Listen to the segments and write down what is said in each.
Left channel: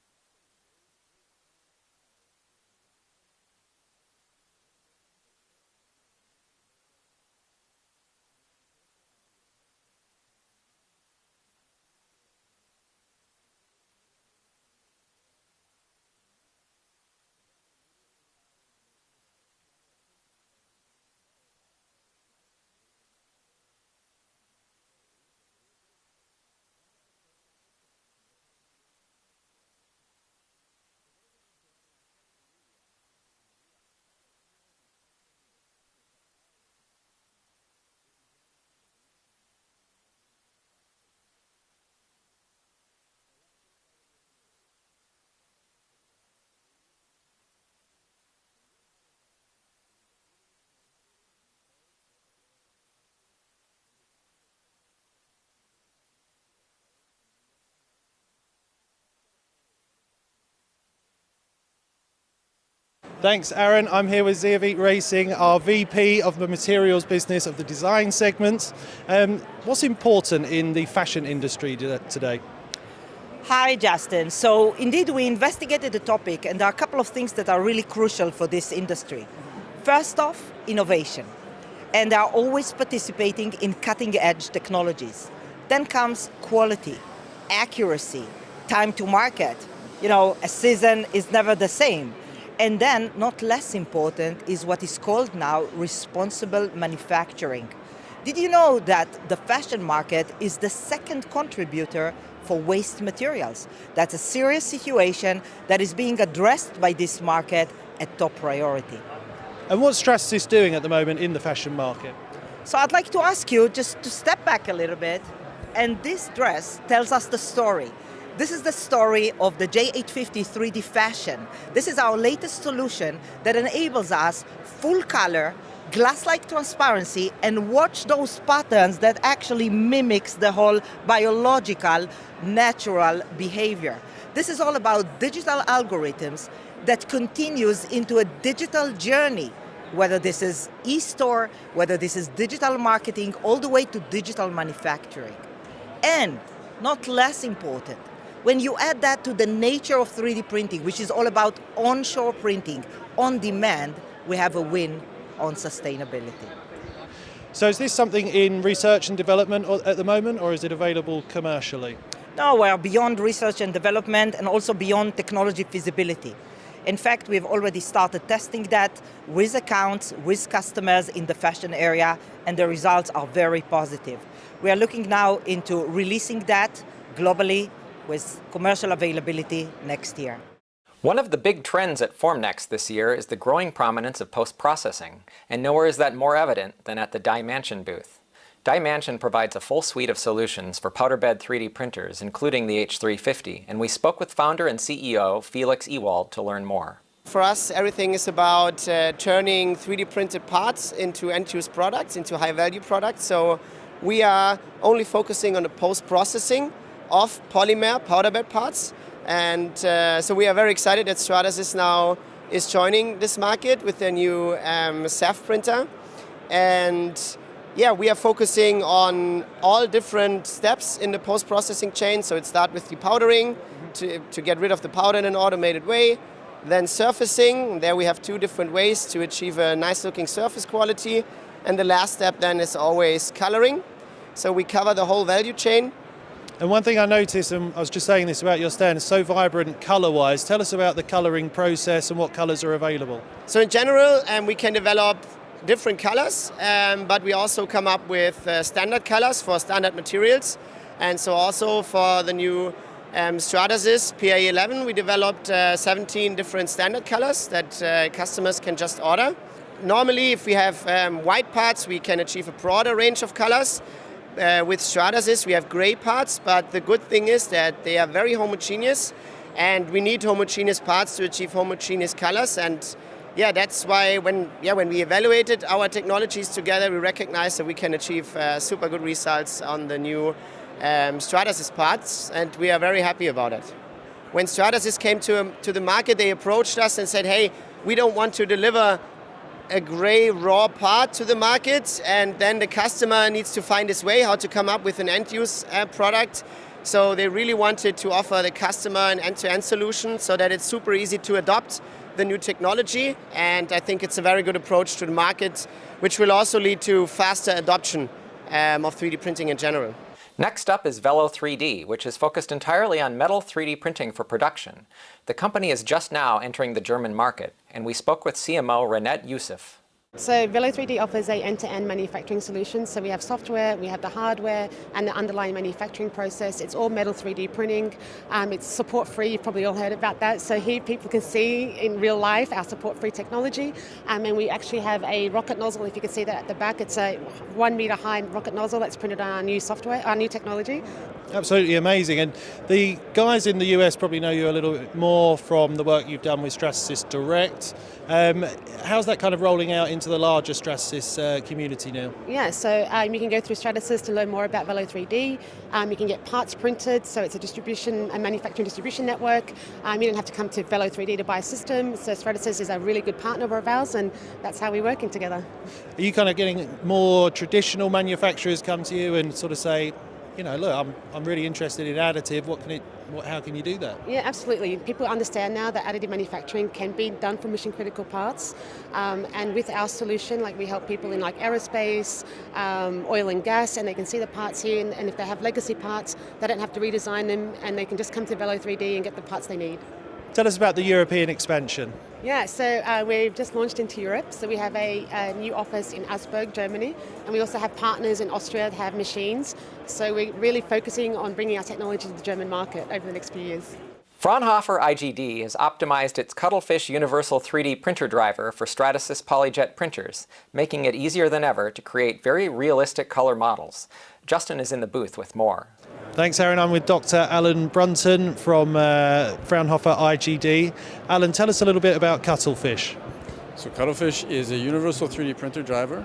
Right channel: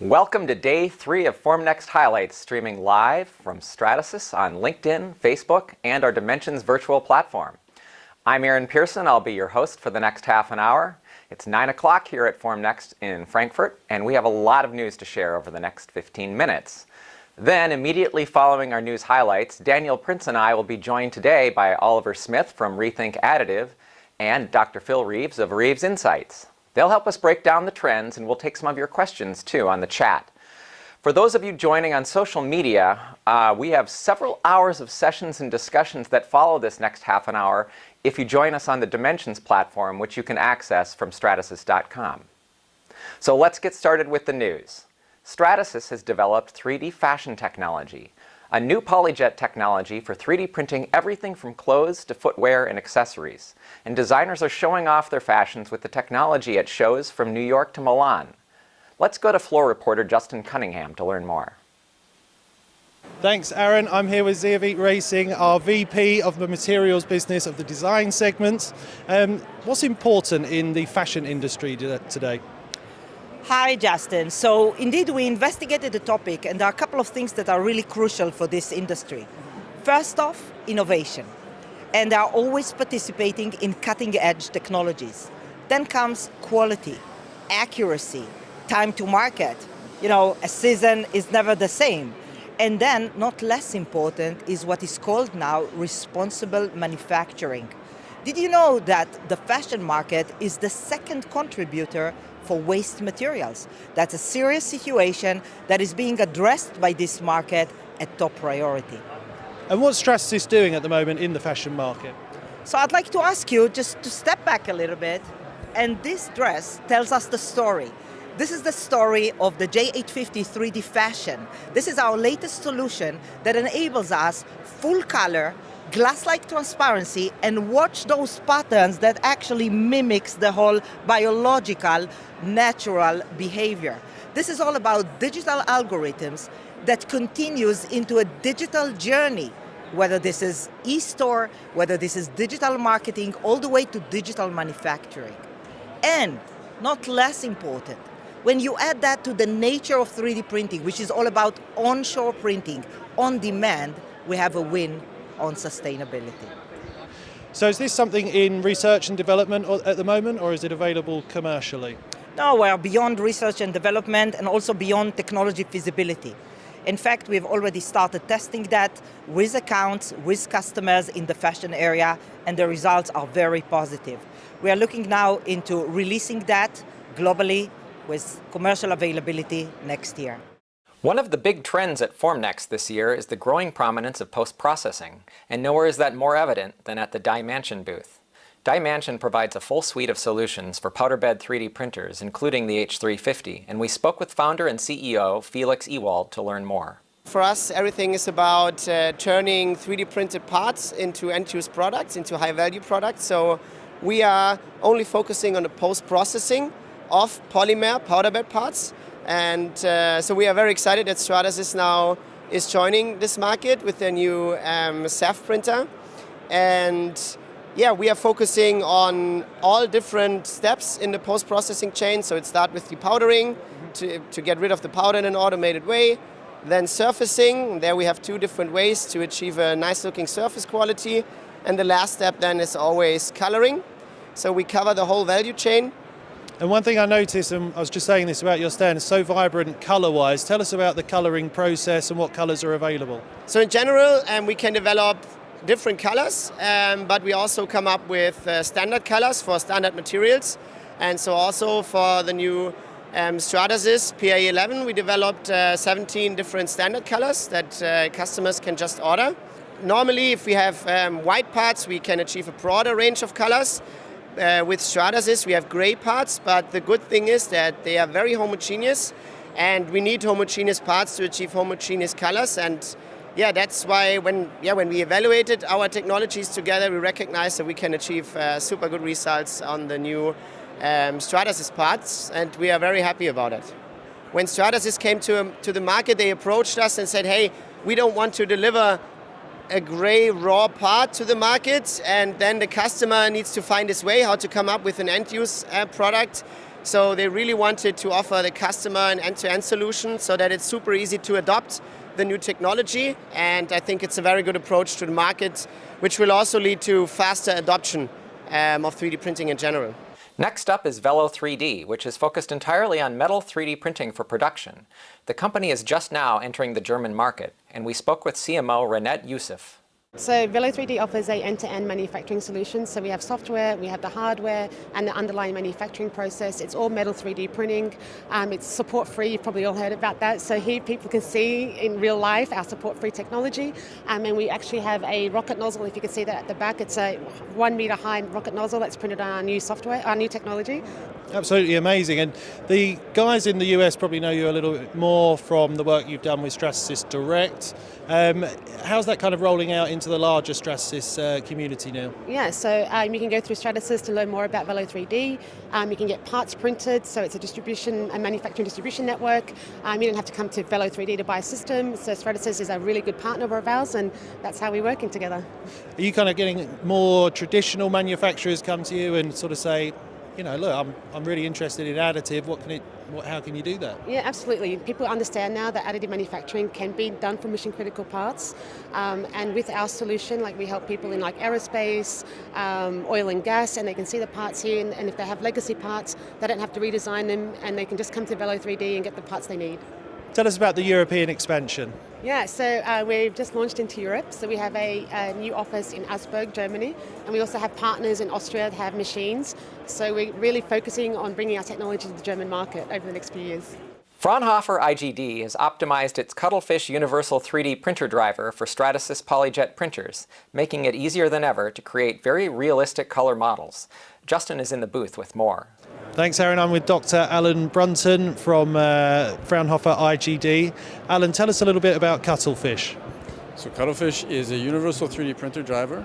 Welcome to Day 3 of Formnext Highlights, streaming live from Stratasys on LinkedIn, Facebook, and our Dimensions virtual platform. I'm Pearson. I'll be your host for the next half an hour. It's 9 o'clock here at Formnext in Frankfurt, and we have a lot of news to share over the next 15 minutes. Then, immediately following our news highlights, Daniel Prince and I will be joined today by Oliver Smith from ReThink Additive and Dr. Phil Reeves of Reeves Insights. They'll help us break down the trends, and we'll take some of your questions, too, on the chat. For those of you joining on social media, we have several hours of sessions and discussions that follow this next half an hour if you join us on the Dimensions platform, which you can access from stratasys.com. So let's get started with the news. Stratasys has developed 3D fashion technology, a new polyjet technology for 3D printing everything from clothes to footwear and accessories. And designers are showing off their fashions with the technology at shows from New York to Milan. Let's go to floor reporter Justin Cunningham to learn more. Thanks, Aaron. I'm here with Zeovit Racing, our VP of the materials business of the design segment. What's important in the fashion industry today? Hi, Justin. So indeed, we investigated the topic, and there are a couple of things that are really crucial for this industry. First off, innovation. And they are always participating in cutting-edge technologies. Then comes quality, accuracy, time to market. You know, a season is never the same. And then, not less important, is what is called now responsible manufacturing. Did you know that the fashion market is the second contributor for waste materials? That's a serious situation that is being addressed by this market at top priority. And what's Stratasys doing at the moment in the fashion market? So I'd like to ask you just to step back a little bit, and this dress tells us the story. This is the story of the J850 3D Fashion. This is our latest solution that enables us full color, glass-like transparency, and watch those patterns that actually mimics the whole biological, natural behavior. This is all about digital algorithms that continues into a digital journey, whether this is e-store, whether this is digital marketing, all the way to digital manufacturing. And not less important, when you add that to the nature of 3D printing, which is all about onshore printing, on demand, we have a win on sustainability. So is this something in research and development at the moment, or is it available commercially? No, we're beyond research and development and also beyond technology feasibility. In fact, we've already started testing that with accounts, with customers in the fashion area, and the results are very positive. We are looking now into releasing that globally with commercial availability next year. One of the big trends at Formnext this year is the growing prominence of post-processing, and nowhere is that more evident than at the Dimension booth. Dimension provides a full suite of solutions for powder bed 3D printers, including the H350, and we spoke with founder and CEO Felix Ewald to learn more. For us, everything is about turning 3D printed parts into end-use products, into high-value products. So we are only focusing on the post-processing of polymer powder bed parts. And so we are very excited that Stratasys now is joining this market with their new SAF printer. And yeah, we are focusing on all different steps in the post-processing chain. So it starts with depowdering to get rid of the powder in an automated way. Then surfacing, there we have two different ways to achieve a nice looking surface quality. And the last step then is always coloring. So we cover the whole value chain. And one thing I noticed, and I was just saying this about your stand, is so vibrant color-wise. Tell us about the coloring process and what colors are available. So in general, we can develop different colors, but we also come up with standard colors for standard materials. And so also for the new Stratasys PA11, we developed 17 different standard colors that customers can just order. Normally, if we have white parts, we can achieve a broader range of colors. With Stratasys, we have gray parts, but the good thing is that they are very homogeneous, and we need homogeneous parts to achieve homogeneous colors. And yeah, that's why when we evaluated our technologies together, we recognized that we can achieve super good results on the new Stratasys parts, and we are very happy about it. When Stratasys came to the market, they approached us and said, hey, we don't want to deliver a gray raw part to the market, and then the customer needs to find his way how to come up with an end-use product. So they really wanted to offer the customer an end-to-end solution so that it's super easy to adopt the new technology. And I think it's a very good approach to the market, which will also lead to faster adoption of 3D printing in general. Next up is Velo 3D, which is focused entirely on metal 3D printing for production. The company is just now entering the German market, and we spoke with CMO Renette Youssef. So Velo 3D offers an end-to-end manufacturing solution. So we have software, we have the hardware, and the underlying manufacturing process. It's all metal 3D printing. It's support-free. You've probably all heard about that. So here people can see in real life our support-free technology. And we actually have a rocket nozzle. If you can see that at the back, it's a 1 meter high rocket nozzle that's printed on our new software, our new technology. Absolutely amazing. And the guys in the US probably know you a little bit more from the work you've done with Stratasys Direct. How's that kind of rolling out into the larger Stratasys community now? Yeah, so you can go through Stratasys to learn more about Velo 3D. You can get parts printed, so it's a manufacturing distribution network. You don't have to come to Velo 3D to buy a system. So Stratasys is a really good partner of ours, and that's how we're working together. Are you kind of getting more traditional manufacturers come to you and sort of say, you know, look, I'm really interested in additive. How can you do that? Yeah, absolutely. People understand now that additive manufacturing can be done for mission critical parts, and with our solution, like we help people in like aerospace, oil and gas, and they can see the parts here. And if they have legacy parts, they don't have to redesign them, and they can just come to Velo 3D and get the parts they need. Tell us about the European expansion. Yeah, so we've just launched into Europe. So we have a new office in Augsburg, Germany, and we also have partners in Austria that have machines. So we're really focusing on bringing our technology to the German market over the next few years. Fraunhofer IGD has optimized its Cuttlefish Universal 3D printer driver for Stratasys PolyJet printers, making it easier than ever to create very realistic color models. Justin is in the booth with more. Thanks, Aaron. I'm with Dr. Alan Brunton from Fraunhofer IGD. Alan, tell us a little bit about Cuttlefish. So Cuttlefish is a universal 3D printer driver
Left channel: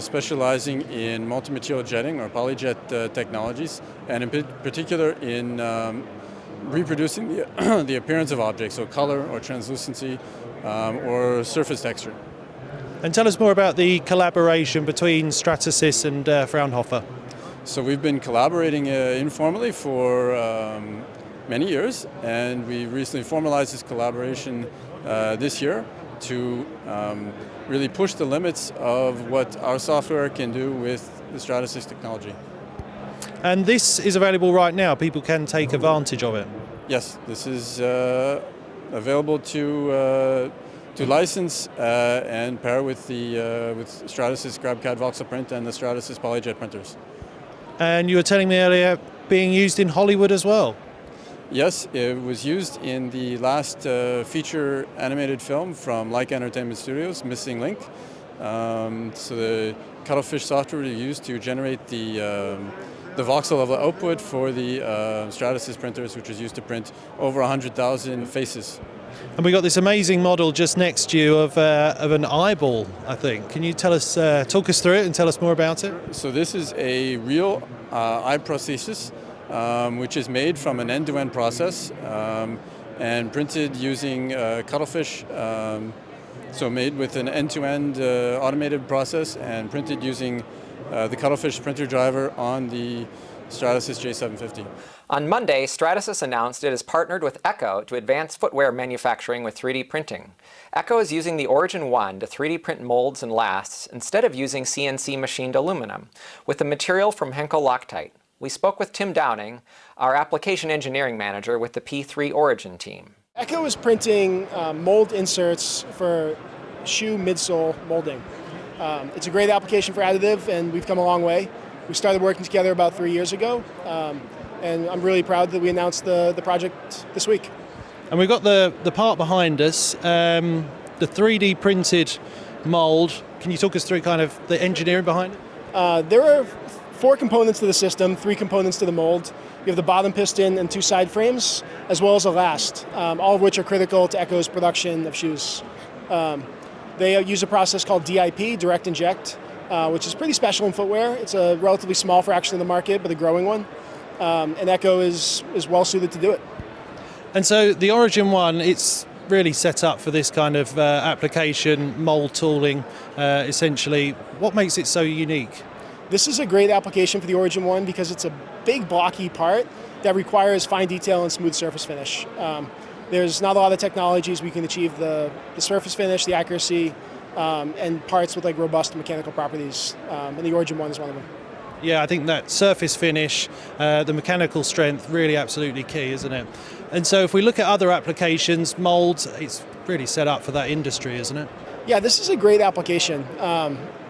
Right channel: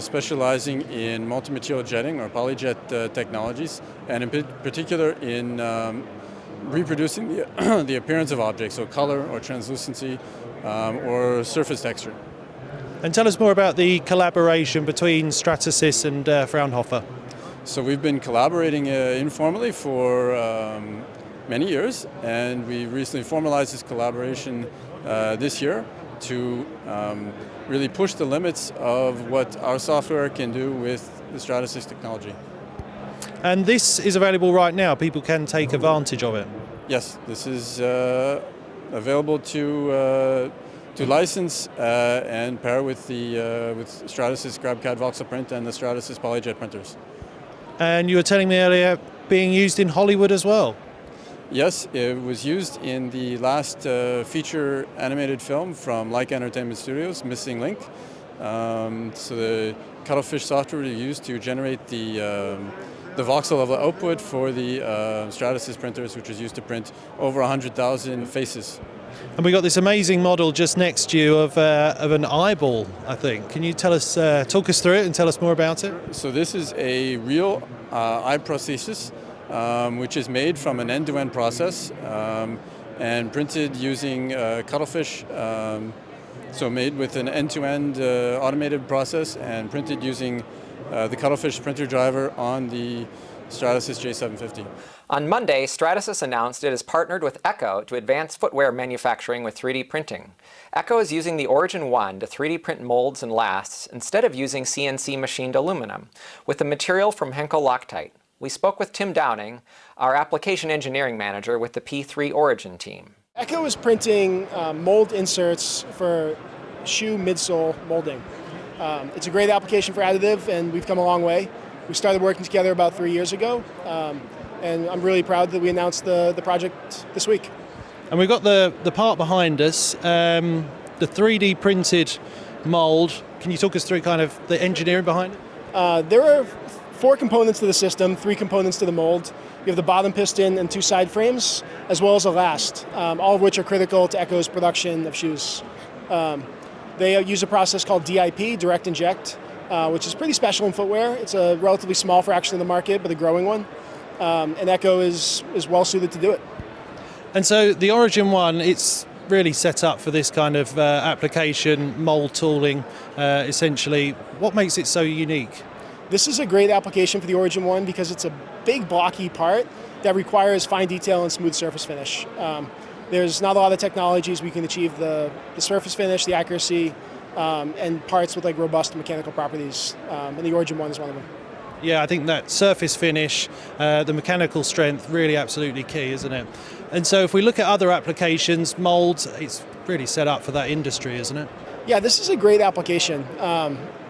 specializing in multi-material jetting or PolyJet technologies, and in particular in reproducing the appearance of objects, so color or translucency or surface texture. And tell us more about the collaboration between Stratasys and Fraunhofer. So we've been collaborating informally for many years, and we recently formalized this collaboration this year to really push the limits of what our software can do with the Stratasys technology. And this is available right now. People can take advantage of it. Yes, this is available to license and pair with Stratasys GrabCAD voxel print and the Stratasys PolyJet printers. And you were telling me earlier, being used in Hollywood as well. Yes, it was used in the last feature animated film from Leica Entertainment Studios, Missing Link. So the Cuttlefish software is used to generate the voxel level output for the Stratasys printers, which is used to print over 100,000 faces. And we got this amazing model just next to you of an eyeball, I think. Can you tell us, talk us through it and tell us more about it? So this is a real eye prosthesis, which is made from an end-to-end process and printed using Cuttlefish. So made with an end-to-end automated process and printed using the Cuttlefish printer driver on the Stratasys J750. On Monday, Stratasys announced it has partnered with Echo to advance footwear manufacturing with 3D printing. Echo is using the Origin One to 3D print molds and lasts instead of using CNC machined aluminum, with the material from Henkel Loctite. We spoke with Tim Downing, our application engineering manager with the P3 Origin team. Echo is printing mold inserts for shoe midsole molding. It's a great application for additive, and we've come a long way. We started working together about 3 years ago, and I'm really proud that we announced the project this week. And we've got the part behind us, the 3D printed mold. Can you talk us through kind of the engineering behind it? There are 4 components to the system, 3 components to the mold. You have the bottom piston and 2 side frames, as well as a last, all of which are critical to Echo's production of shoes. They use a process called DIP, direct inject, which is pretty special in footwear. It's a relatively small fraction of the market, but a growing one. And Echo is well suited to do it. And so the Origin One, it's really set up for this kind of application, mold tooling, essentially. What makes it so unique? This is a great application for the Origin One because it's a big blocky part that requires fine detail and smooth surface finish. There's not a lot of technologies we can achieve the surface finish, the accuracy, and parts with like robust mechanical properties, and the Origin One is one of them. Yeah, I think that surface finish, the mechanical strength, really absolutely key, isn't it? And so if we look at other applications, molds, it's really set up for that industry, isn't it? Yeah, this is a great application.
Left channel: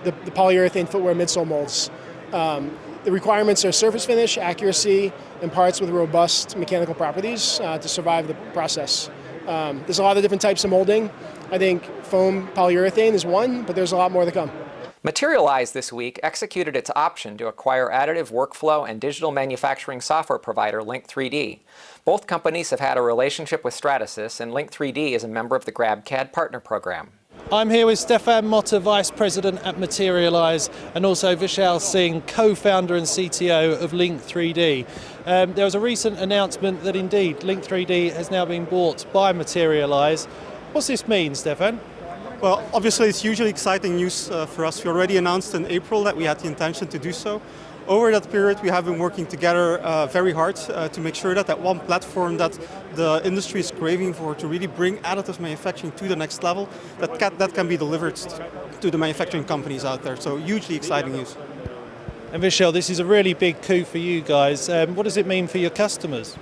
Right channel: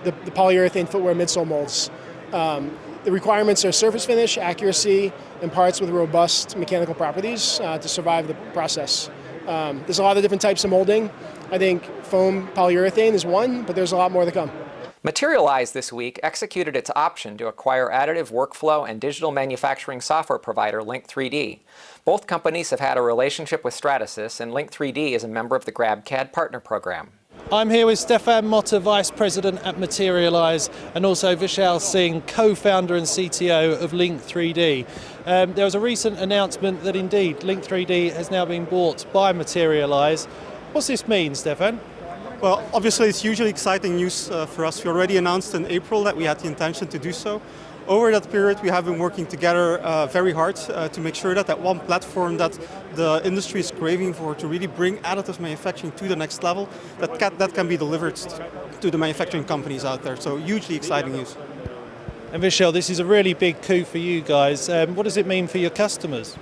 The polyurethane footwear midsole molds. The requirements are surface finish, accuracy, and parts with robust mechanical properties to survive the process. There's a lot of different types of molding. I think foam polyurethane is one, but there's a lot more to come. Materialize this week executed its option to acquire additive workflow and digital manufacturing software provider Link3D. Both companies have had a relationship with Stratasys, and Link3D is a member of the GrabCAD Partner Program. I'm here with Stefan Motta, Vice President at Materialize, and also Vishal Singh, co-founder and CTO of Link3D. There was a recent announcement that indeed Link3D has now been bought by Materialize. What's this mean, Stefan? Well, obviously it's hugely exciting news for us. We already announced in April that we had the intention to do so. Over that period we have been working together very hard to make sure that one platform that the industry is craving for to really bring additive manufacturing to the next level, that can be delivered to the manufacturing companies out there. So hugely exciting news. And Vishal, this is a really big coup for you guys. What does it mean for your customers?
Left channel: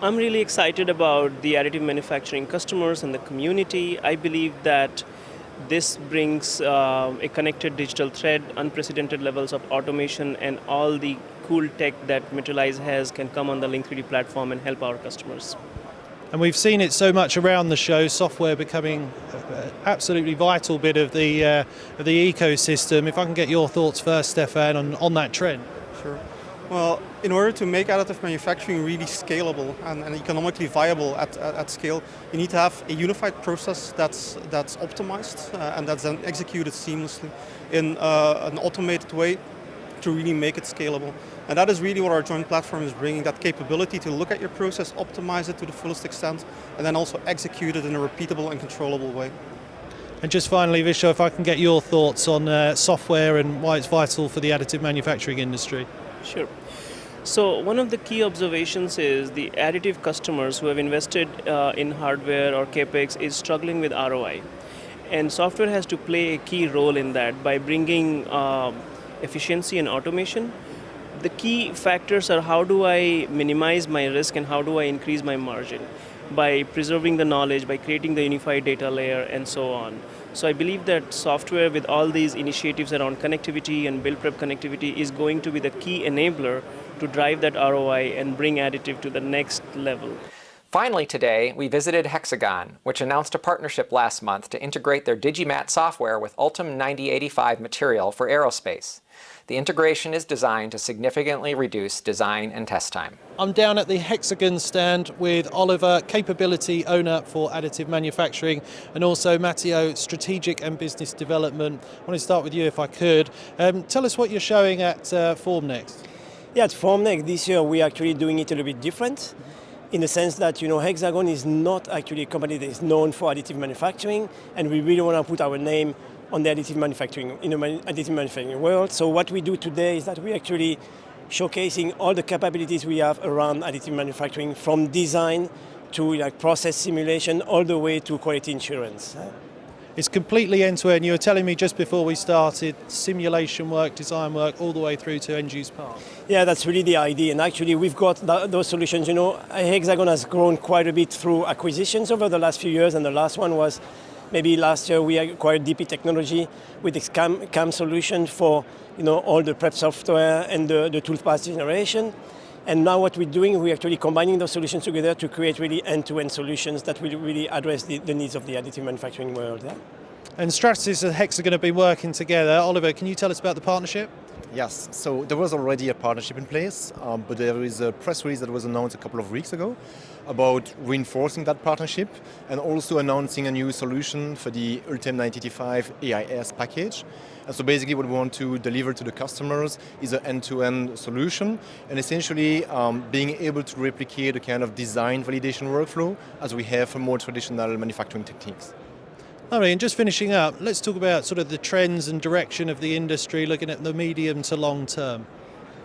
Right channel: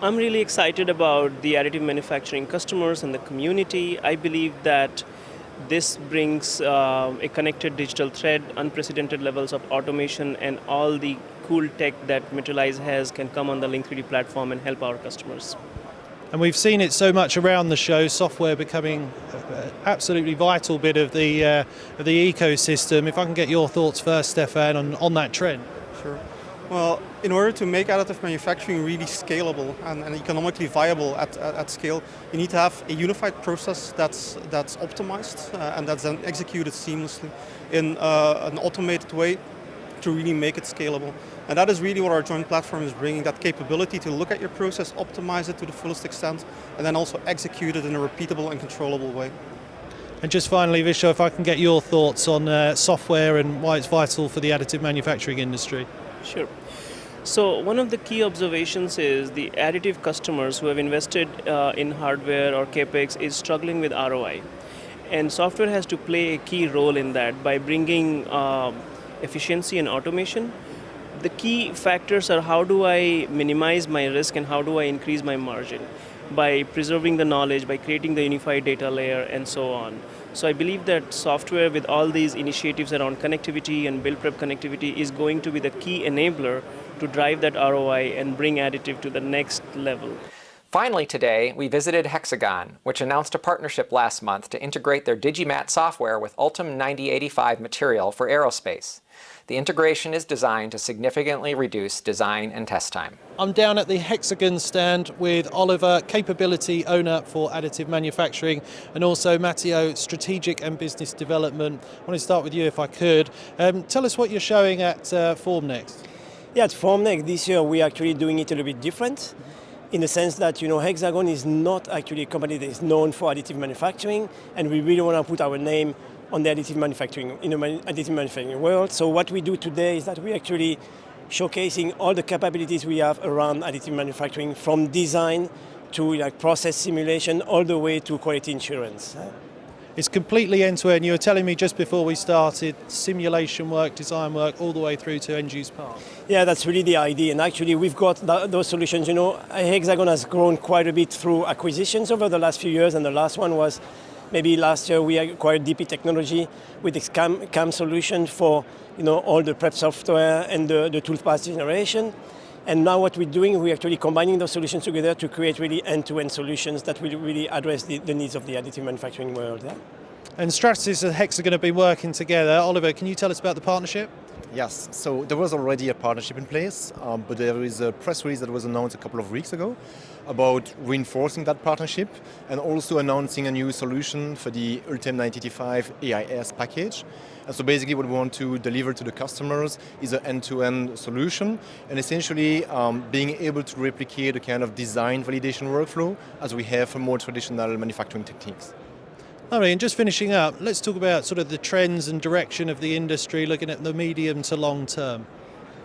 I'm really excited about the additive manufacturing customers and the community. I believe that this brings a connected digital thread, unprecedented levels of automation, and all the cool tech that Materialize has can come on the Link3D platform and help our customers. And we've seen it so much around the show, software becoming an absolutely vital bit of the ecosystem. If I can get your thoughts first, Stefan, on that trend. Sure. Well, in order to make additive manufacturing really scalable and economically viable at scale, you need to have a unified process that's optimized and that's then executed seamlessly in an automated way to really make it scalable. And that is really what our joint platform is bringing, that capability to look at your process, optimize it to the fullest extent, and then also execute it in a repeatable and controllable way. And just finally, Vishal, if I can get your thoughts on software and why it's vital for the additive manufacturing industry. Sure. So one of the key observations is the additive customers who have invested in hardware or CapEx is struggling with ROI. And software has to play a key role in that by bringing efficiency and automation. The key factors are how do I minimize my risk and how do I increase my margin by preserving the knowledge, by creating the unified data layer, and so on. So I believe that software with all these initiatives around connectivity and build prep connectivity is going to be the key enabler to drive that ROI and bring additive to the next level. Finally today, we visited Hexagon, which announced a partnership last month to integrate their Digimat software with Ultim 9085 material for aerospace. The integration is designed to significantly reduce design and test time. I'm down at the Hexagon stand with Oliver, Capability Owner for Additive Manufacturing, and also Matteo, Strategic and Business Development. I want to start with you if I could. Tell us what you're showing at Formnext. Yeah, at Formnext this year we're actually doing it a little bit different in the sense that Hexagon is not actually a company that is known for additive manufacturing, and we really want to put our name on the additive manufacturing, additive manufacturing world. So what we do today is that we're actually showcasing all the capabilities we have around additive manufacturing, from design to process simulation, all the way to quality assurance. It's completely end-to-end. You were telling me just before we started, simulation work, design work, all the way through to end-use part. Yeah, that's really the idea. And actually, we've got those solutions. Hexagon has grown quite a bit through acquisitions over the last few years, and the last one was maybe last year we acquired DP Technology with its CAM solution for all the prep software and the toolpath generation. And now what we're doing, we're actually combining those solutions together to create really end-to-end solutions that will really address the needs of the additive manufacturing world. Yeah? And Stratasys and Hexagon have been working together. Oliver, can you tell us about the partnership? Yes, so there was already a partnership in place, but there is a press release that was announced a couple of weeks ago about reinforcing that partnership and also announcing a new solution for the Ultim 9085 AIS package. And so basically what we want to deliver to the customers is an end-to-end solution, and essentially being able to replicate the kind of design validation workflow as we have for more traditional manufacturing techniques. Lovely, and just finishing up, let's talk about sort of the trends and direction of the industry, looking at the medium to long term.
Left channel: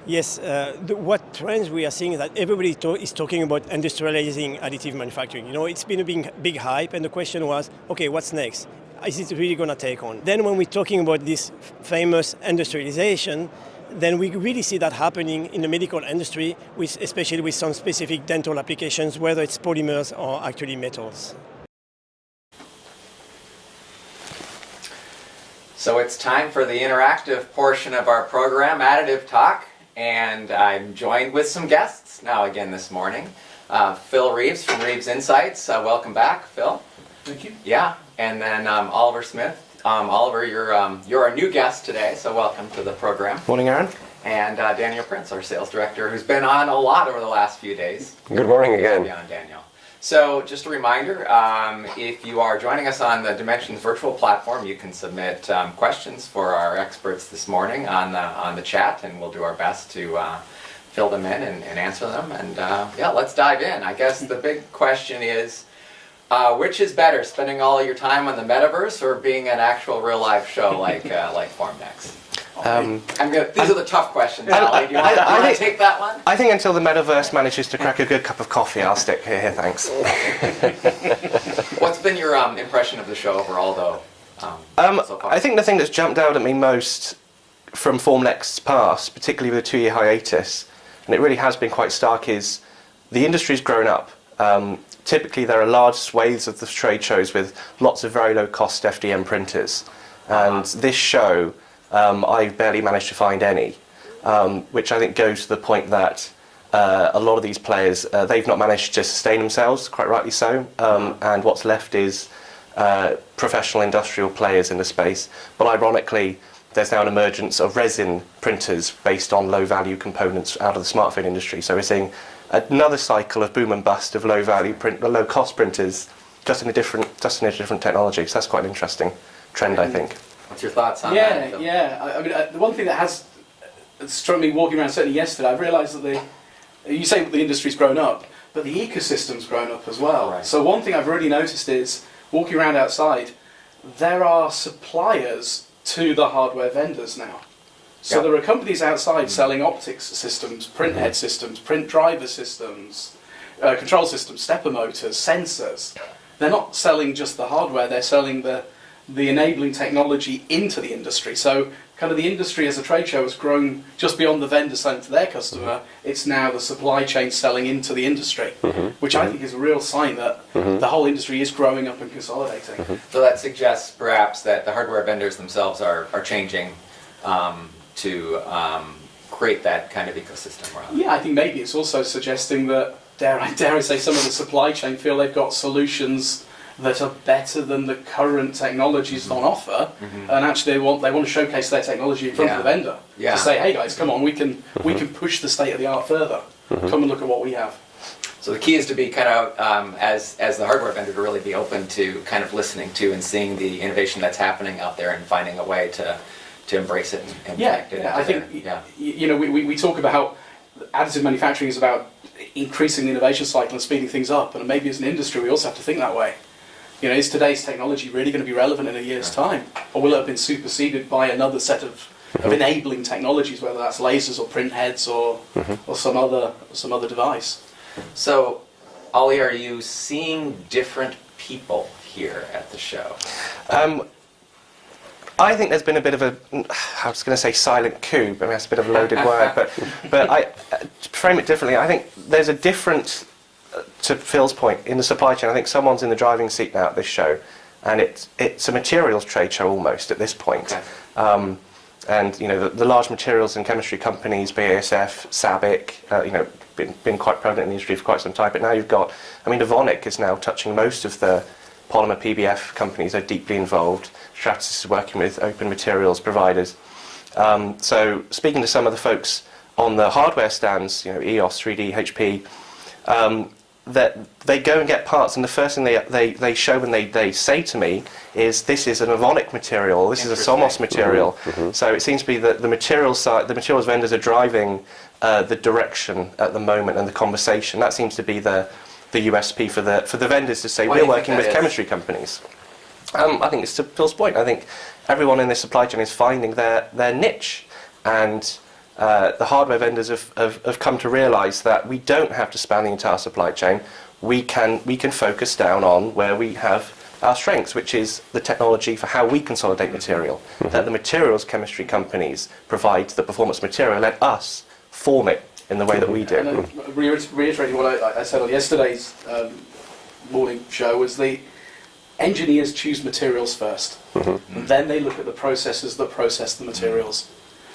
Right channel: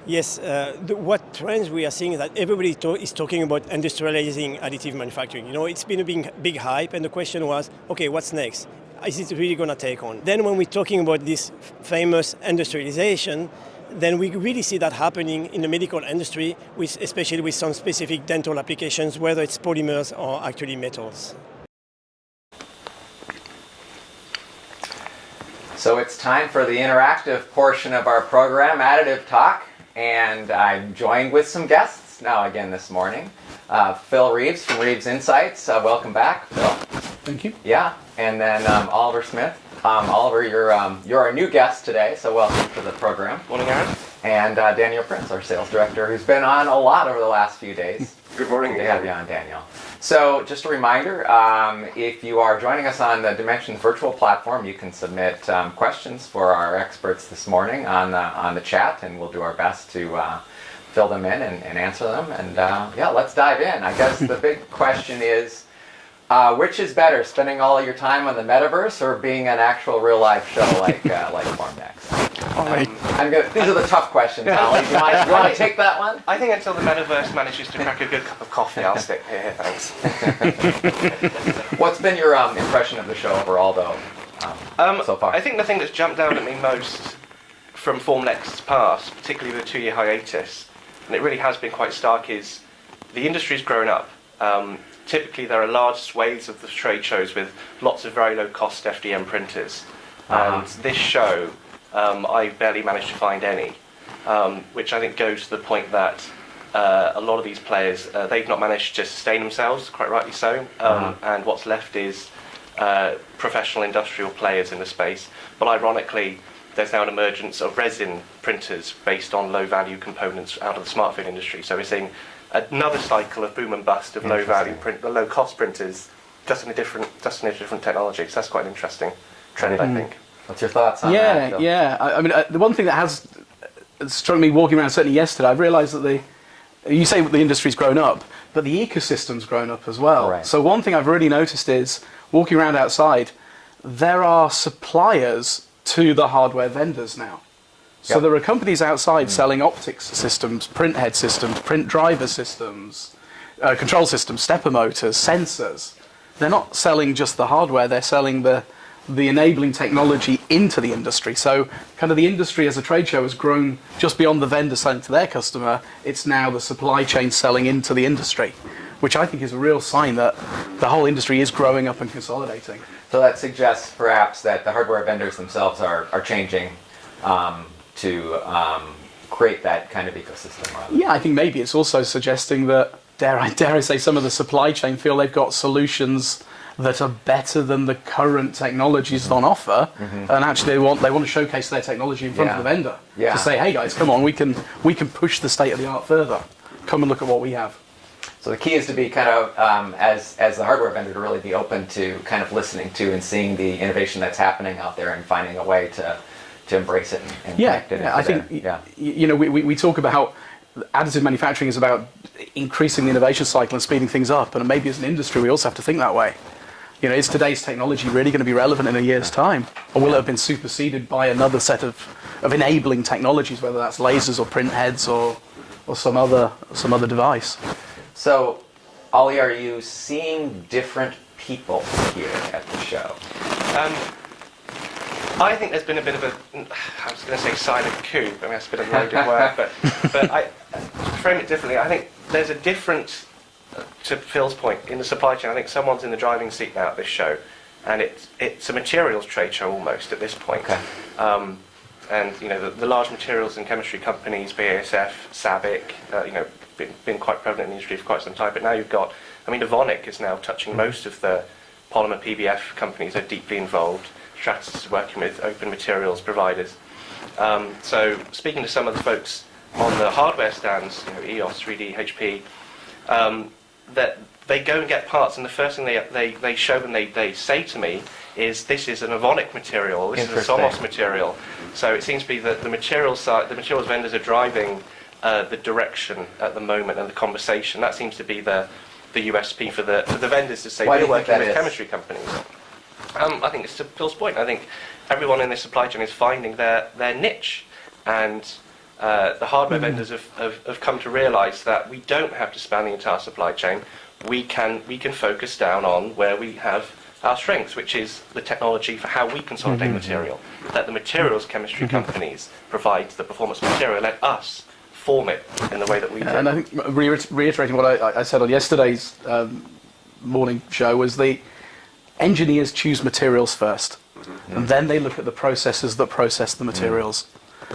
Yes, what trends we are seeing is that everybody is talking about industrializing additive manufacturing. You know, it's been a big hype, and the question was, okay, what's next? Is it really going to take on? Then when we're talking about this famous industrialization, then we really see that happening in the medical industry, especially with some specific dental applications, whether it's polymers or actually metals. So it's time for the interactive portion of our program, Additive Talk, and I'm joined with some guests now again this morning. Phil Reeves from Reeves Insights. Welcome back, Phil. Thank you. Yeah, and then Oliver Smith. Oliver, you're our new guest today, so welcome to the program. Morning, Aaron. And Daniel Prince, our sales director, who's been on a lot over the last few days. Good morning again. Yeah, Daniel. So just a reminder, if you are joining us on the Dimensions virtual platform, you can submit questions for our experts this morning on the chat, and we'll do our best to fill them in and answer them. And yeah, let's dive in. I guess the big question is, which is better, spending all your time on the metaverse or being an actual real life show like Formnext? These are the tough questions. Do you want to take that one? I think until the metaverse manages to crack a good cup of coffee, I'll stick here, thanks. What's been your impression of the show overall, though, so far? I think the thing that's jumped out at me most from Formnext's past, particularly with a 2-year hiatus, and it really has been quite stark, is the industry's grown up. Typically there are large swathes of the trade shows with lots of very low-cost FDM printers. And this show, I barely managed to find any, which I think goes to the point that a lot of these players, they've not managed to sustain themselves, quite rightly so, and what's left is professional industrial players in the space. But ironically, there's now an emergence of resin printers based on low-value components out of the smartphone industry. So we're seeing another cycle of boom and bust of low-cost printers, just in a different technology. So that's quite an interesting trend, I think. What's your thoughts on that? Yeah. I mean, the one thing that has struck me walking around, certainly yesterday, I've realised that you say the industry's grown up, but the ecosystem's grown up as well. Right. So one thing I've really noticed is, walking around outside, there are suppliers to the hardware vendors now. So there are companies outside selling optics systems, print head systems, print driver systems, control systems, stepper motors, sensors. They're not selling just the hardware, they're selling the enabling technology into the industry. So kind of the industry as a trade show has grown just beyond the vendor selling to their customer. It's now the supply chain selling into the industry, which I think is a real sign that the whole industry is growing up and consolidating. So that suggests perhaps that the hardware vendors themselves are changing to create that kind of ecosystem. Yeah, I think maybe it's also suggesting that, dare I say, some of the supply chain feel they've got solutions that are better than the current technologies on offer, and actually they want to showcase their technology in front of the vendor to say, hey guys, come on, we can push the state of the art further. Come and look at what we have. So the key is to be kind of, as the hardware vendor, to really be open to kind of listening to and seeing the innovation that's happening out there and finding a way to embrace it and connect it. I think you know we talk about additive manufacturing is about increasing the innovation cycle and speeding things up, and maybe as an industry we also have to think that way. You know, is today's technology really going to be relevant in a year's time, or will it have been superseded by another set of enabling technologies, whether that's lasers or print heads or some other device? So, Ollie, are you seeing different people here at the show? I think there's been a bit of I was going to say silent coup, but that's a bit of a loaded word. But to frame it differently, I think there's a different, to Phil's point, in the supply chain. I think someone's in the driving seat now at this show, and it's a materials trade show almost at this point. Okay. And you know the large materials and chemistry companies, BASF, SABIC, you know, been quite prevalent in the industry for quite some time. But now you've got, I mean, Evonik is now touching most of the polymer PBF companies are deeply involved. Stratasys is working with open materials providers. So speaking to some of the folks on the hardware stands, you know, EOS, 3D, HP, that they go and get parts, and the first thing they show when they say to me is, this is an Evonik material, this is a Somos material. So it seems to be that the materials vendors are driving the direction at the moment and the conversation. That seems to be the USP for the vendors to say, we're working with chemistry companies. I think it's to Phil's point. I think everyone in this supply chain is finding their niche, and the hardware vendors have come to realise that we don't have to span the entire supply chain. We can focus down on where we have our strengths, which is the technology for how we consolidate material. Let the materials chemistry companies provide the performance material. Let us form it in the way that we do. And I think reiterating what I said on yesterday's morning show was the engineers choose materials first, and then they look at the processes that process the materials.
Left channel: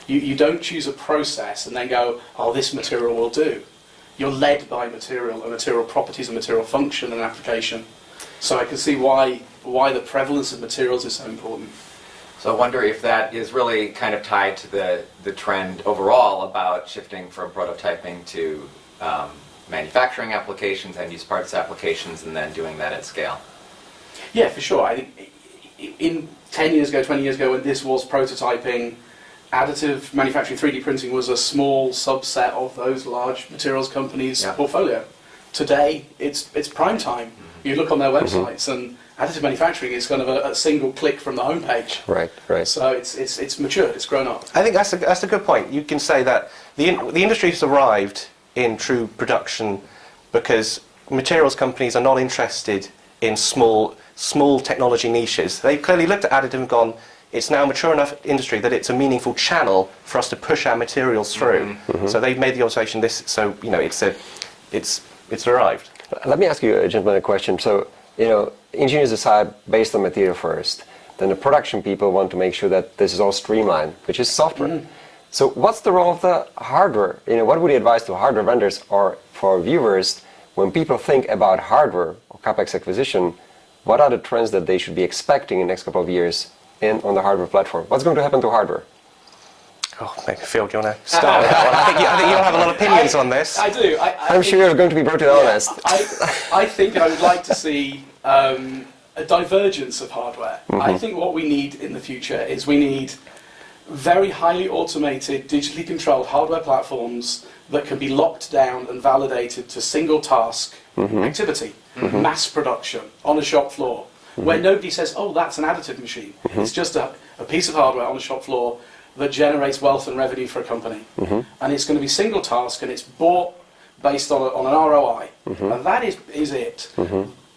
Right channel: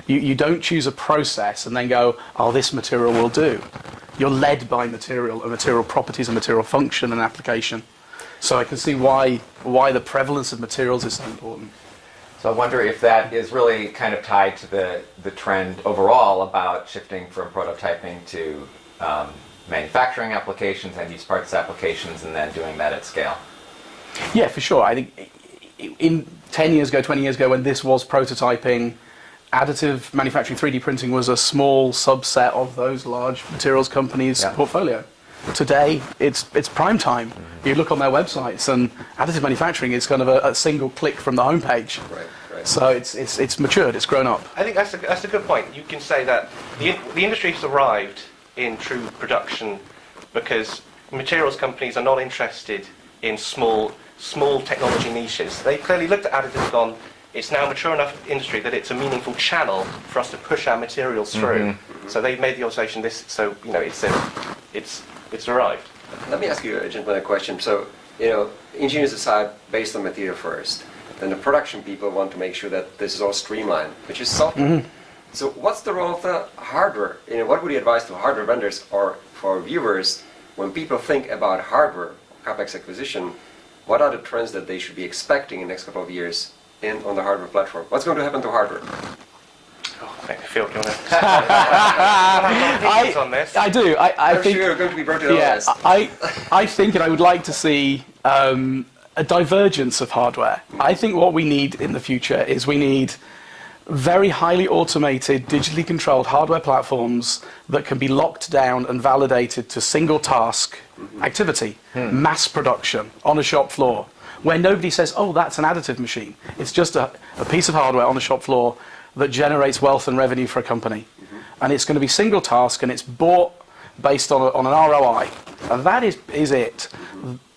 You don't choose a process and then go, oh, this material will do. You're led by material and material properties and material function and application. So I can see why the prevalence of materials is so important. So I wonder if that is really kind of tied to the trend overall about shifting from prototyping to manufacturing applications, end-use parts applications, and then doing that at scale. Yeah, for sure. I think in 10 years ago, 20 years ago, when this was prototyping, additive manufacturing, 3D printing was a small subset of those large materials companies' portfolio. Today, it's prime time. You look on their websites, and additive manufacturing is kind of a single click from the homepage. Right. So it's matured, it's grown up. I think that's a good point. You can say that the industry has arrived in true production because materials companies are not interested in small technology niches. They've clearly looked at additive and gone, it's now a mature enough industry that it's a meaningful channel for us to push our materials through. So they've made the observation it's arrived. Let me ask you, gentlemen, a question. So, engineers decide based on material first. Then the production people want to make sure that this is all streamlined, which is software. So what's the role of the hardware? What would you advise to hardware vendors or for viewers when people think about hardware or CapEx acquisition? What are the trends that they should be expecting in the next couple of years on the hardware platform? What's going to happen to hardware? Oh, Phil, do you want to start? I think you have a lot of opinions on this. I do. I'm sure you're going to be brutally honest. I think, and I would like to see a divergence of hardware. I think what we need in the future is we need very highly automated, digitally controlled hardware platforms that can be locked down and validated to single task activity, mass production on a shop floor, where nobody says, oh, that's an additive machine. It's just a piece of hardware on the shop floor that generates wealth and revenue for a company. And it's going to be single task, and it's bought based on an ROI. And that is it.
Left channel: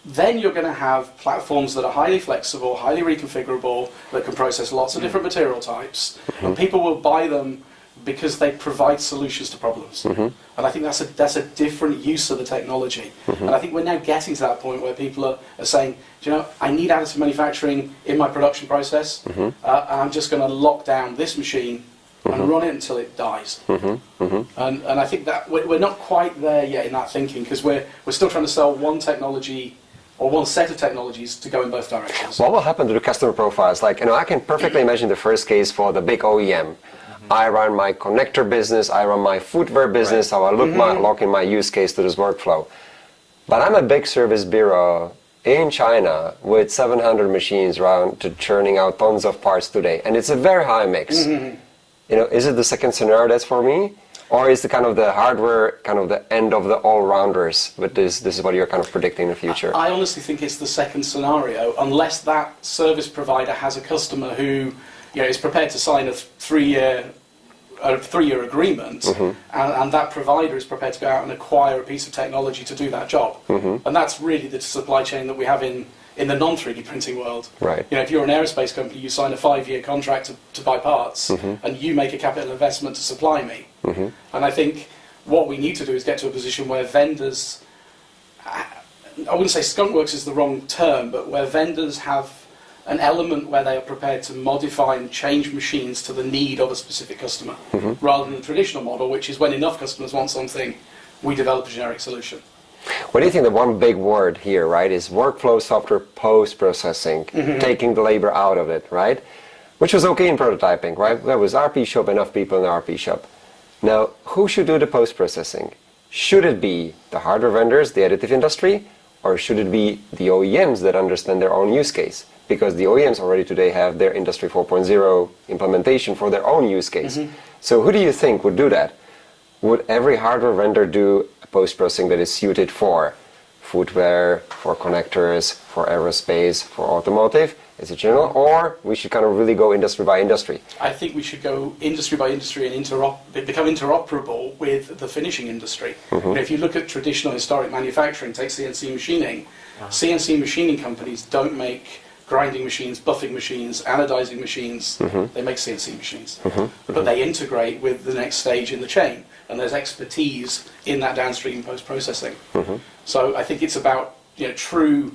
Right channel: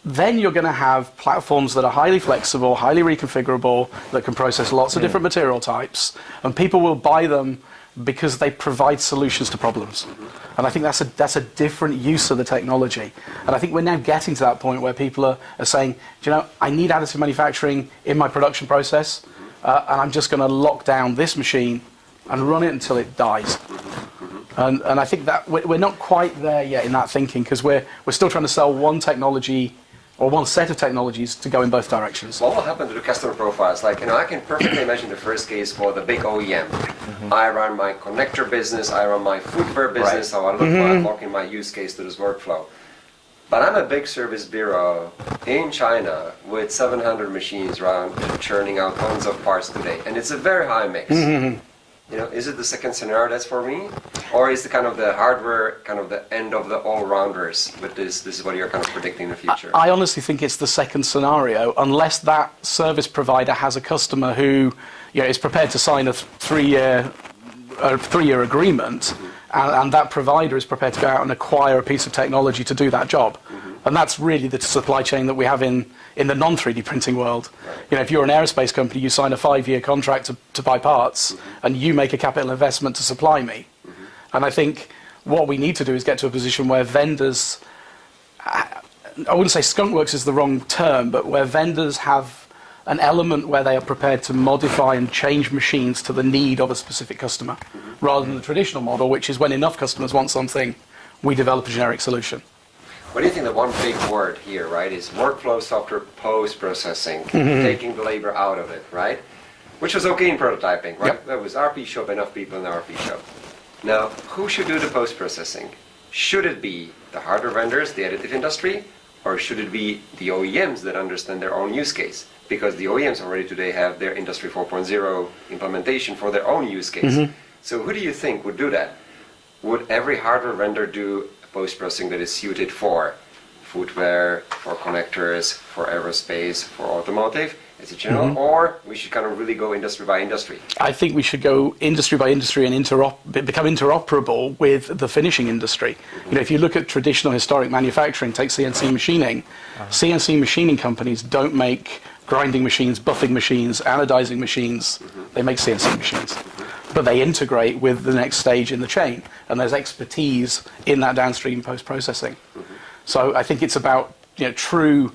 Then you're going to have platforms that are highly flexible, highly reconfigurable, that can process lots of different material types, and people will buy them because they provide solutions to problems. And I think that's a different use of the technology. And I think we're now getting to that point where people are saying, I need additive manufacturing in my production process, and I'm just going to lock down this machine and run it until it dies. And I think that we're not quite there yet in that thinking, because we're still trying to sell one technology or one set of technologies to go in both directions. What will happen to the customer profiles? Like, I can perfectly imagine the first case for the big OEM. I run my connector business, I run my footwear business, so I lock in my use case to this workflow. But I'm a big service bureau in China with 700 machines around churning out tons of parts today, and it's a very high mix. Is it the second scenario that's for me? Or is the kind of the hardware kind of the end of the all-rounders? But this is what you're kind of predicting in the future. I honestly think it's the second scenario, unless that service provider has a customer who is prepared to sign a three-year agreement, and that provider is prepared to go out and acquire a piece of technology to do that job. And that's really the supply chain that we have in the non-3D printing world. If you're an aerospace company, you sign a 5-year contract to buy parts, and you make a capital investment to supply me. And I think what we need to do is get to a position where vendors, I wouldn't say skunkworks is the wrong term, but where vendors have an element where they are prepared to modify and change machines to the need of a specific customer, rather than the traditional model, which is when enough customers want something, we develop a generic solution. What do you think the one big word here, right, is workflow software post-processing, taking the labor out of it, right? Which was okay in prototyping, right? There was RP shop, enough people in the RP shop. Now, who should do the post-processing? Should it be the hardware vendors, the additive industry, or should it be the OEMs that understand their own use case? Because the OEMs already today have their Industry 4.0 implementation for their own use case. So who do you think would do that? Would every hardware vendor do a post-processing that is suited for footwear, for connectors, for aerospace, for automotive? Is it general, or we should kind of really go industry by industry? I think we should go industry by industry and become interoperable with the finishing industry. You know, if you look at traditional historic manufacturing, take CNC machining. CNC machining companies don't make grinding machines, buffing machines, anodizing machines. They make CNC machines, but they integrate with the next stage in the chain, and there's expertise in that downstream post-processing. So I think it's about, you know, true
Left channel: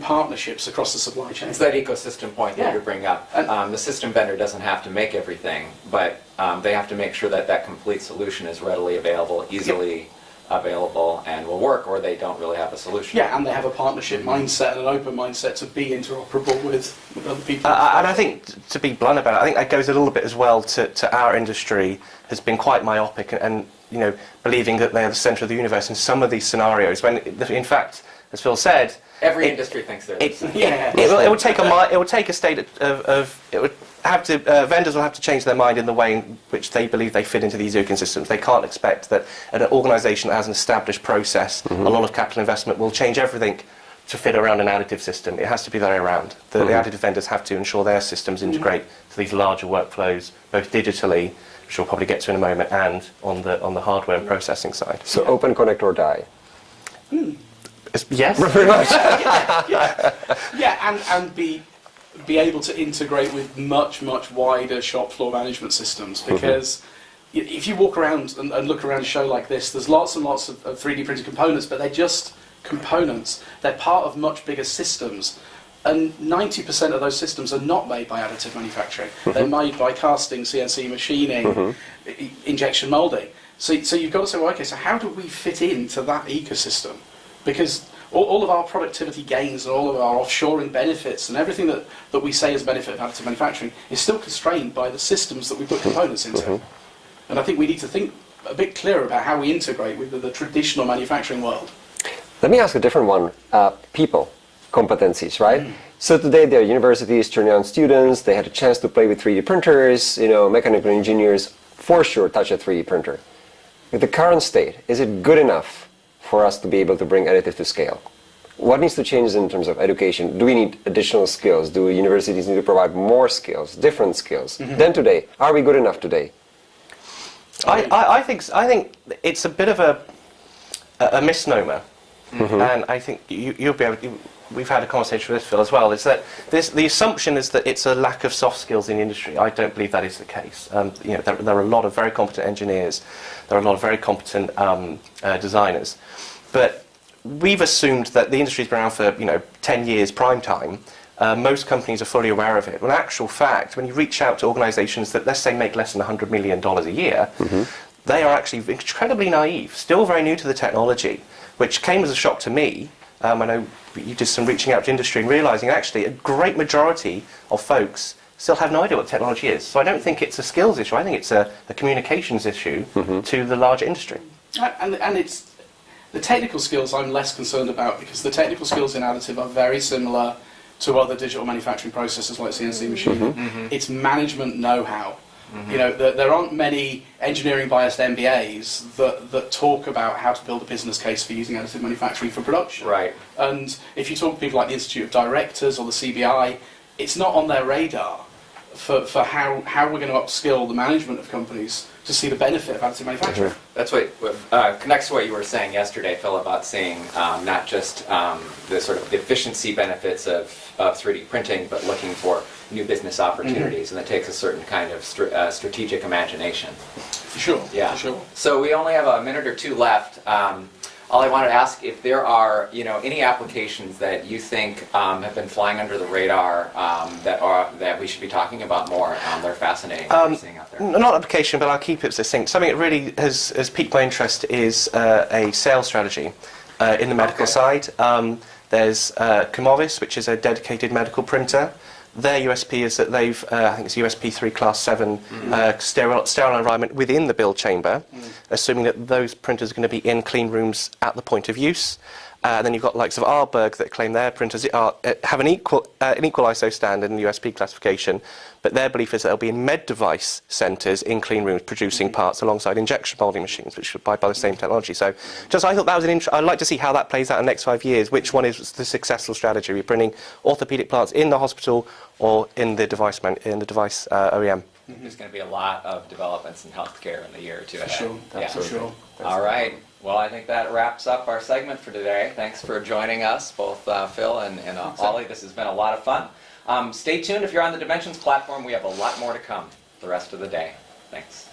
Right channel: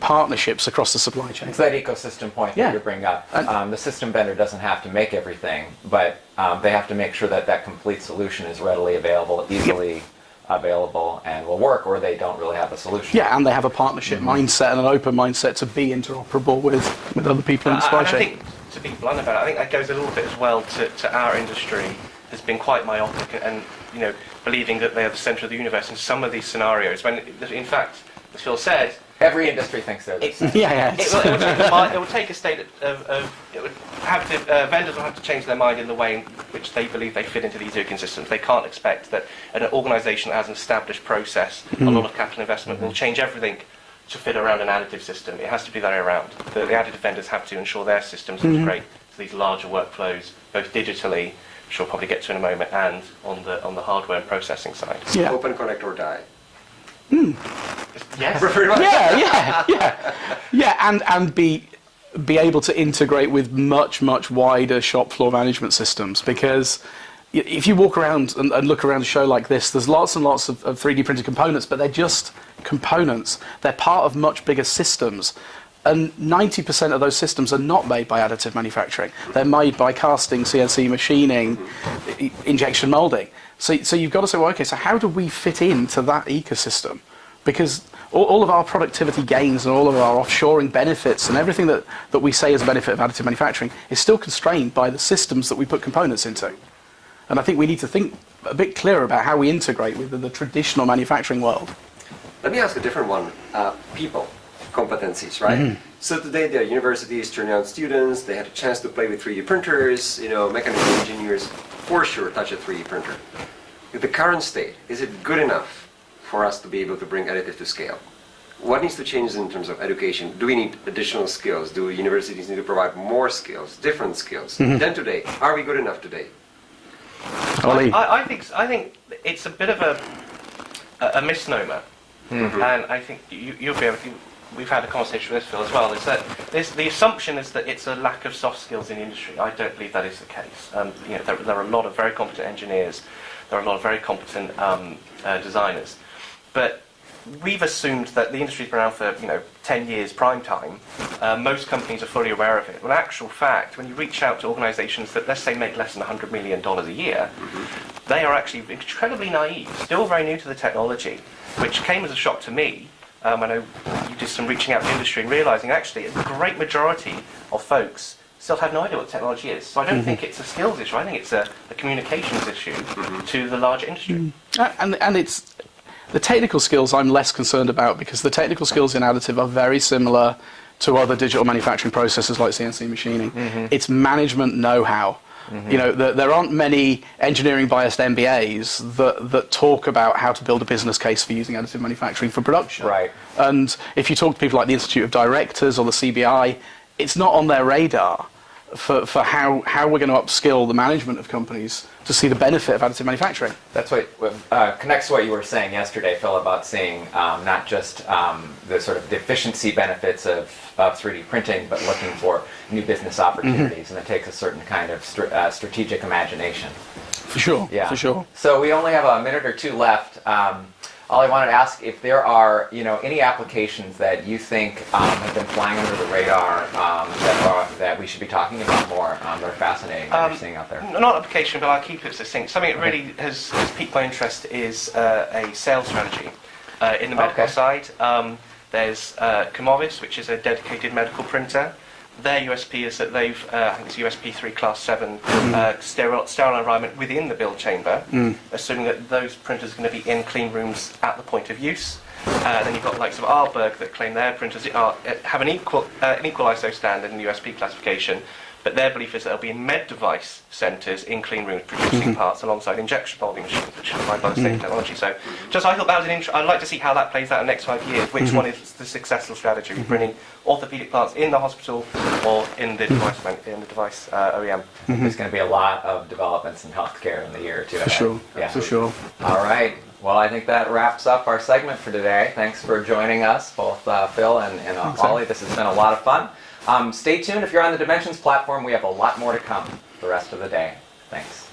partnerships across the supply chain. It's that ecosystem point that you bring up. The system vendor doesn't have to make everything, but they have to make sure that that complete solution is readily available, easily available, and will work, or they don't really have a solution. Yeah, and they have a partnership mindset and an open mindset to be interoperable with other people in the supply and chain. I think, to be blunt about it, I think that goes a little bit as well to our industry has been quite myopic and you know, believing that they are the centre of the universe in some of these scenarios, when in fact, as Phil said, every industry thinks they're the same. It will take a state of it would have to vendors will have to change their mind in the way in which they believe they fit into these ecosystems. They can't expect that an organisation that has an established process, a lot of capital investment, will change everything to fit around an additive system. It has to be the way around. The additive vendors have to ensure their systems integrate to these larger workflows, both digitally, which we'll probably get to in a moment, and on the hardware and processing side. So open, connect, or die. Yes. And be able to integrate with much wider shop floor management systems, because if you walk around and look around a show like this, there's lots and lots of 3D printed components, but they're just components. They're part of much bigger systems, and 90% of those systems are not made by additive manufacturing. They're made by casting, CNC machining, injection molding. So you've got to say, well, okay, so how do we fit into that ecosystem? Because all of our productivity gains and all of our offshoring benefits and everything that we say is a benefit of additive manufacturing is still constrained by the systems that we put components into. And I think we need to think a bit clearer about how we integrate with the traditional manufacturing world. Let me ask a different one. People, competencies, right? So today there are universities turning on students, they had a chance to play with 3D printers, you know, mechanical engineers for sure touch a 3D printer. With the current state, is it good enough for us to be able to bring additive to scale? What needs to change in terms of education? Do we need additional skills? Do universities need to provide more skills, different skills than today? Are we good enough today? I think it's a bit of a misnomer, and I think you'll be able to, we've had a conversation with this, Phil, as well, is that the assumption is that it's a lack of soft skills in the industry. I don't believe that is the case. You know, there are a lot of very competent engineers, there are a lot of very competent designers, but we've assumed that the industry's been around for 10 years prime time. Most companies are fully aware of it. Well, in actual fact, when you reach out to organisations that, let's say, make less than $100 million a year, they are actually incredibly naive, still very new to the technology, which came as a shock to me. I know you did some reaching out to industry and realising actually a great majority of folks still have no idea what technology is. So I don't think it's a skills issue. I think it's a communications issue to the larger industry. And it's the technical skills I'm less concerned about, because the technical skills in additive are very similar to other digital manufacturing processes like CNC machining. It's management know-how. You know, there aren't many engineering-biased MBAs that talk about how to build a business case for using additive manufacturing for production. Right. And if you talk to people like the Institute of Directors or the CBI, it's not on their radar for how we're going to upskill the management of companies to see the benefit of additive manufacturing. That's what connects to what you were saying yesterday, Phil, about seeing not just the sort of the efficiency benefits of 3D printing, but looking for new business opportunities, and it takes a certain kind of strategic imagination. For sure. Yeah. For sure. So we only have a minute or two left. All I wanted to ask, if there are any applications that you think have been flying under the radar that we should be talking about more, that are fascinating that you're seeing out there. Not application, but I'll keep it succinct. Something that really has piqued my interest is a sales strategy in the medical side. There's Cumovis, which is a dedicated medical printer. Their USP is that they've, I think it's USP 3 Class 7, sterile environment within the build chamber, assuming that those printers are going to be in clean rooms at the point of use. Then you've got likes of Aalborg that claim their printers have an equal ISO standard in the USP classification, but their belief is that they'll be in med device centres in clean rooms producing parts alongside injection molding machines, which are supplied by the same technology. So, I thought that was an I'd like to see how that plays out in the next 5 years. Which one is the successful strategy? Are we bringing orthopaedic plants in the hospital or in the device OEM? There's going to be a lot of developments in healthcare in the year or two ahead. For sure. All right. Well, I think that wraps up our segment for today. Thanks for joining us, both Phil and Ollie. This has been a lot of fun. Stay tuned if you're on the Dimensions platform. We have a lot more to come the rest of the day. Thanks.